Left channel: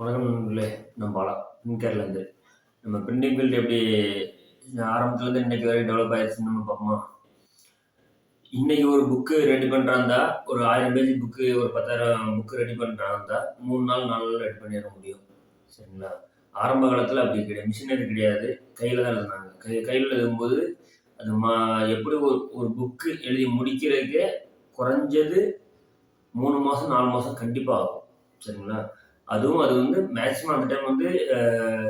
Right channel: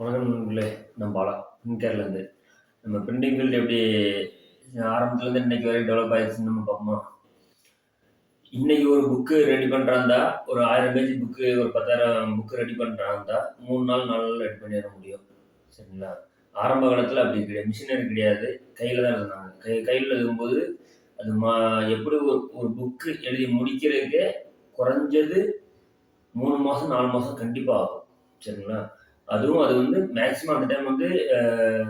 வணக்கம் நண்பர்களே. நான் பாலா. கேரளாலேருந்து. நம்ம பிரிண்டிங் ஃபீல்டு எப்படி ஆரம்பத்துலேருந்து இன்னைக்கு வரைக்கும் டெவலப் ஆயிடுச்சுன்னு நம்ம பார்ப்போமா? இன்னைக்கு ஒரு புக்கு ரெடி பண்ணுறாந்தா, ஒரு 1000 பேஜ் புக்கு, ஒரு 10,000 புக்கு ரெடி பண்ணுறாந்தா 3 நாள், 4 நாள்ல ரெடி பண்ணிட முடியும். சரிங்களா? ஆரம்ப காலத்தில அப்படி கிடையாது. மிஷினரி கிடையாது. கையில தான் எழுதுனாங்க. கையில எழுதும்போது, அது எப்படி ஒரு ஒரு புக்கு எழுதி முடிக்கிறதுக்கே குறைஞ்சது 3 மாசம், 4 மாசம் கண்டிப்பா ஆகும். சரிங்களா? அதுவும் அது வந்து மேக்ஸிமம் அந்த டைம் வந்து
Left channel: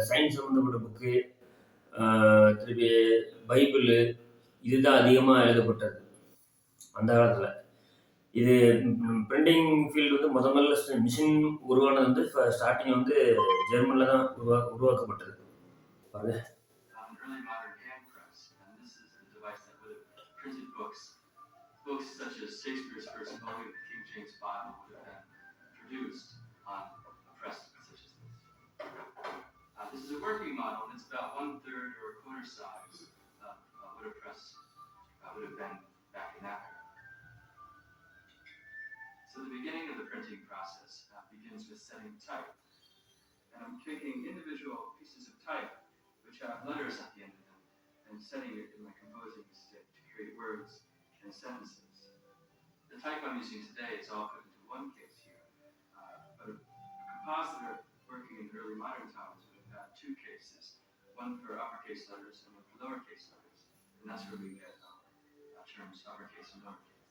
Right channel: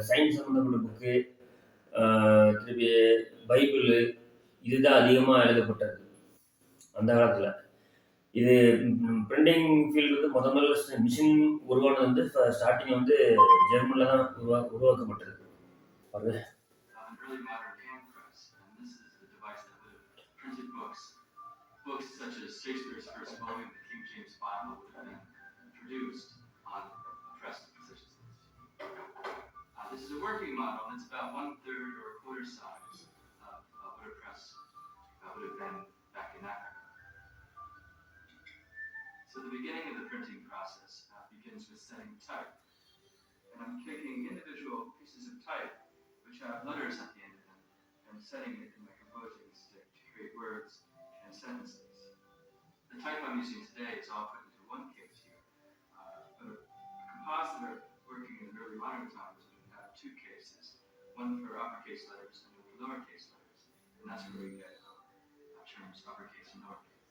சயின்ஸ் சம்மந்தப்பட்ட புக்கு, அ திருப்பி பைபிளு இதுதான் அதிகமா எழுதப்பட்டது, அந்த காலத்தில. இது பிரிண்டிங் ஃபீல்டு வந்து முதல்ல மிஷின் உருவானது வந்து ஸ்டார்ட்டிங் வந்து ஜெர்மன்ல தான் உருவாக்கப்பட்டது. பாருங்க. An early modern hand press, and this is the device that would have printed books. Books such as Shakespeare's first volume, the King James Bible, would have been produced on a press such as this. This is a working model, and it's about 1/3 or a quarter size of what a press would have been back in that era. So the beginning of the printing process begins with setting type. And I'm taking individual pieces of type, which have letters at the end of them, and setting it in my composing stick to create words and sentences. The type I'm using today is all put into one case here, but a compositor working in the early modern times would have had two cases, one for uppercase letters and one for lowercase letters, and that's where we get terms uppercase and lowercase.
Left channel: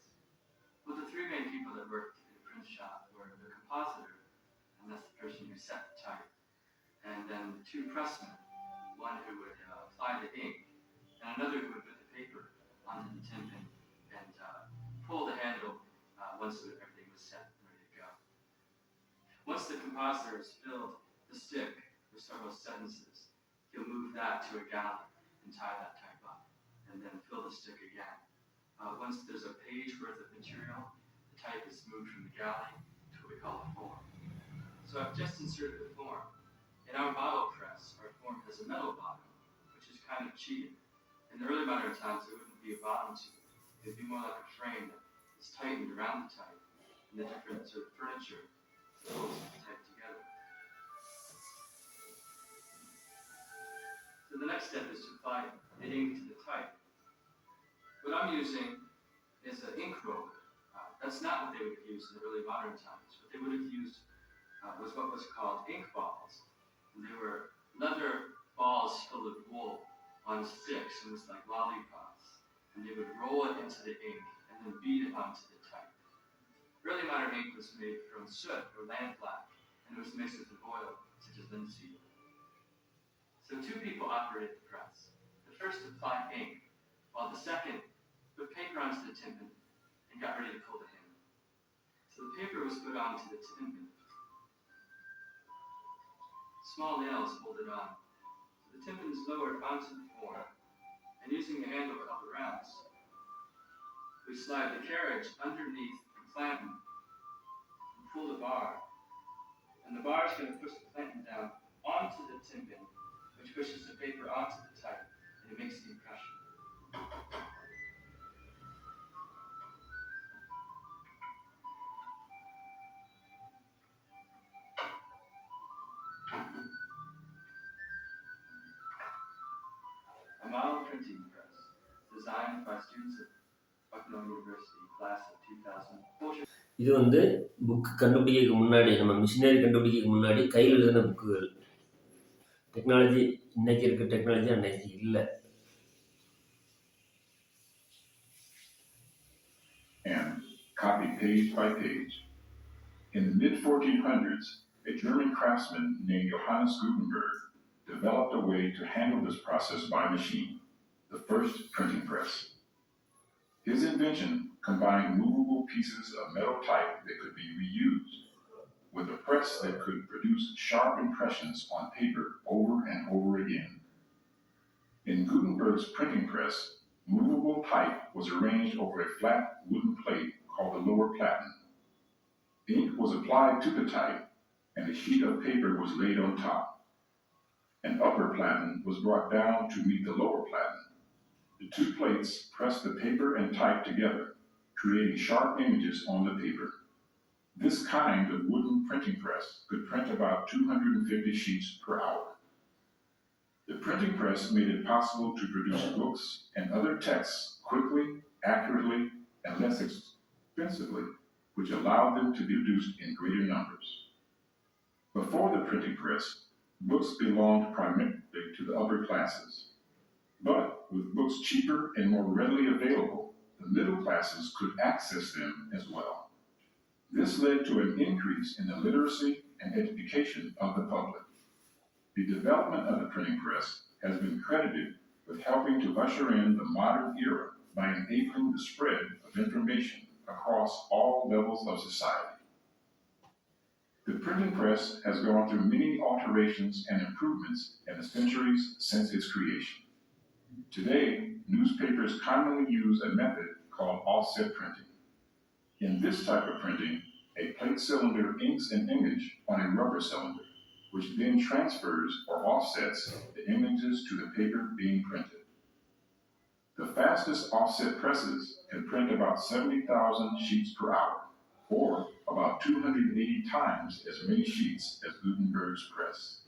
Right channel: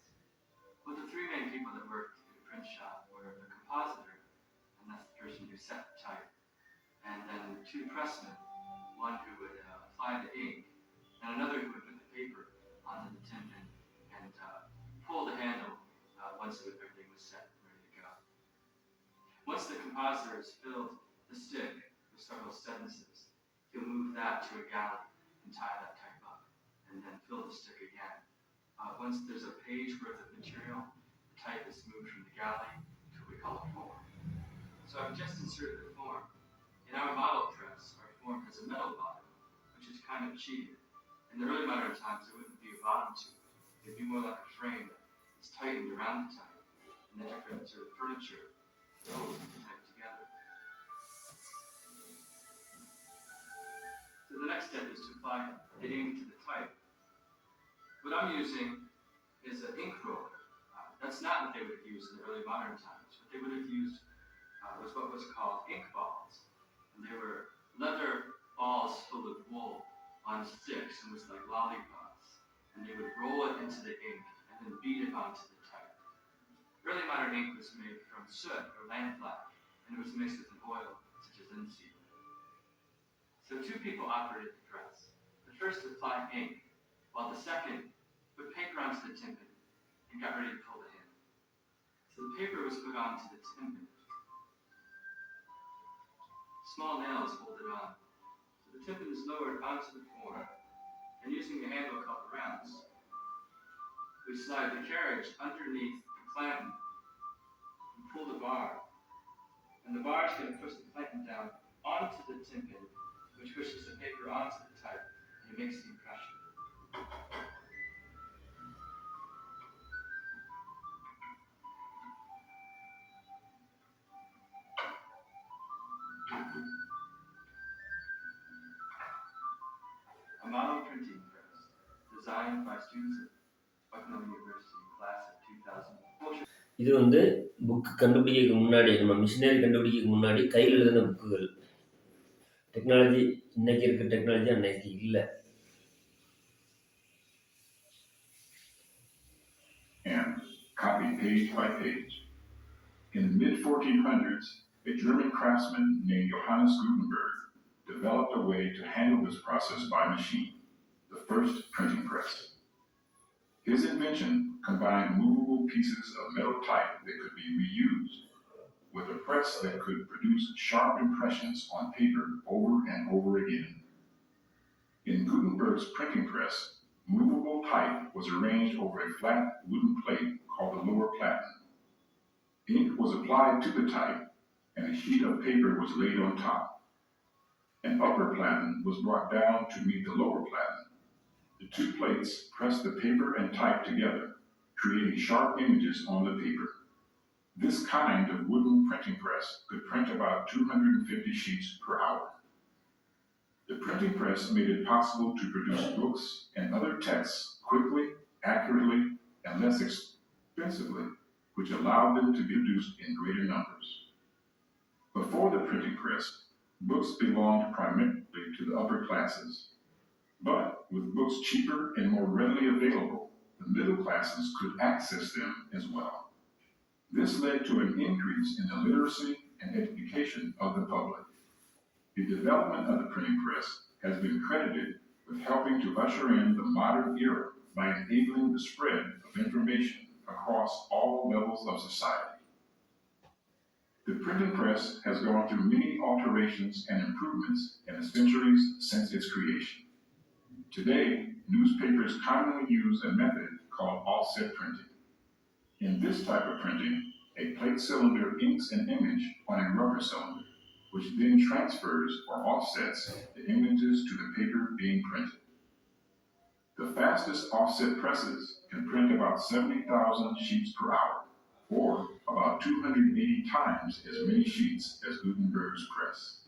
Well, the three main people that worked in a print shop were the compositor, and that's the person who set the type, and then the two pressmen, one who would apply the ink, and another who would put the paper onto the tin and pull the handle once everything was set and ready to go. Once the compositor has filled the stick with several sentences, he'll move that to a galley and tie that type up, and then fill the stick again. Once there's a page worth of material, the type is moved from the galley to what we call a form. So I've just inserted a form. In our model press, our form has a metal bottom, which is kind of cheating. In the early modern times, there wouldn't be a bottom to it. It'd be more like a frame that's tightened around the type, and the different sort of furniture that holds the type together. So the next step is to apply the ink to the type. What I'm using is an ink roller. That's not what they would have used in the early modern times. What they would have used was what was called ink balls. And they were leather balls full of wool on sticks, and was like lollipops. And they would roll it into the ink and then beat it onto the type. Early modern ink was made from soot or lampblack, and it was mixed with an oil such as linseed oil. So two people operated the press. The first applied ink, while the second put paper onto the tympan and got ready to pull the handle. So the paper was put onto the tympan. Small nails hold it on. So the tympan is lowered onto the form, and using a handle called a rounce, we slide the carriage underneath the clanton and pull the bar. And the bar is going to push the clanton down onto the tympan, which pushes the paper onto the type, and it makes the impression. A model printing press designed by students of Bucknell University, class of 2000. இது வந்து book கண்டுபிடிக்கிறதுக்கு முன்னாடி, நம்ம machinery கண்டுபிடிக்கிறதுக்கு முன்னாடி கையில் எழுதின புக்குகள். Technology இன்னைக்கு இருக்க டெக்னாலஜி அன்னைக்கு இல்லை. And copied page by page. In the mid-1400s, a German craftsman named Johannes Gutenberg developed a way to handle this process by machine, the first printing press. His invention combined movable pieces of metal type that could be reused with a press that could produce sharp impressions on paper over and over again. In Gutenberg's printing press, movable type was arranged over a flat wooden plate called the lower platen. Ink was applied to the type, and a sheet of paper was laid on top. An upper platen was brought down to meet the lower platen. The two plates pressed the paper and type together, creating sharp images on the paper. This kind of wooden printing press could print about 250 sheets per hour. The printing press made it possible to produce books and other texts quickly, accurately, and less expensively, which allowed them to be produced in greater numbers. Before the printing press, books belonged primarily to the upper classes. But with books cheaper and more readily available, the middle classes could access them as well. This led to an increase in the literacy and education of the public. The development of the printing press has been credited with helping to usher in the modern era by enabling the spread of information across all levels of society. The printing press has gone through many alterations and improvements in the centuries since its creation. Today, newspapers commonly use a method called offset printing. In this type of printing, a plate cylinder inks an image on a rubber cylinder, which then transfers or offsets the images to the paper being printed. The fastest offset presses can print about 70,000 sheets per hour, or about 280 times as many sheets as Gutenberg's press.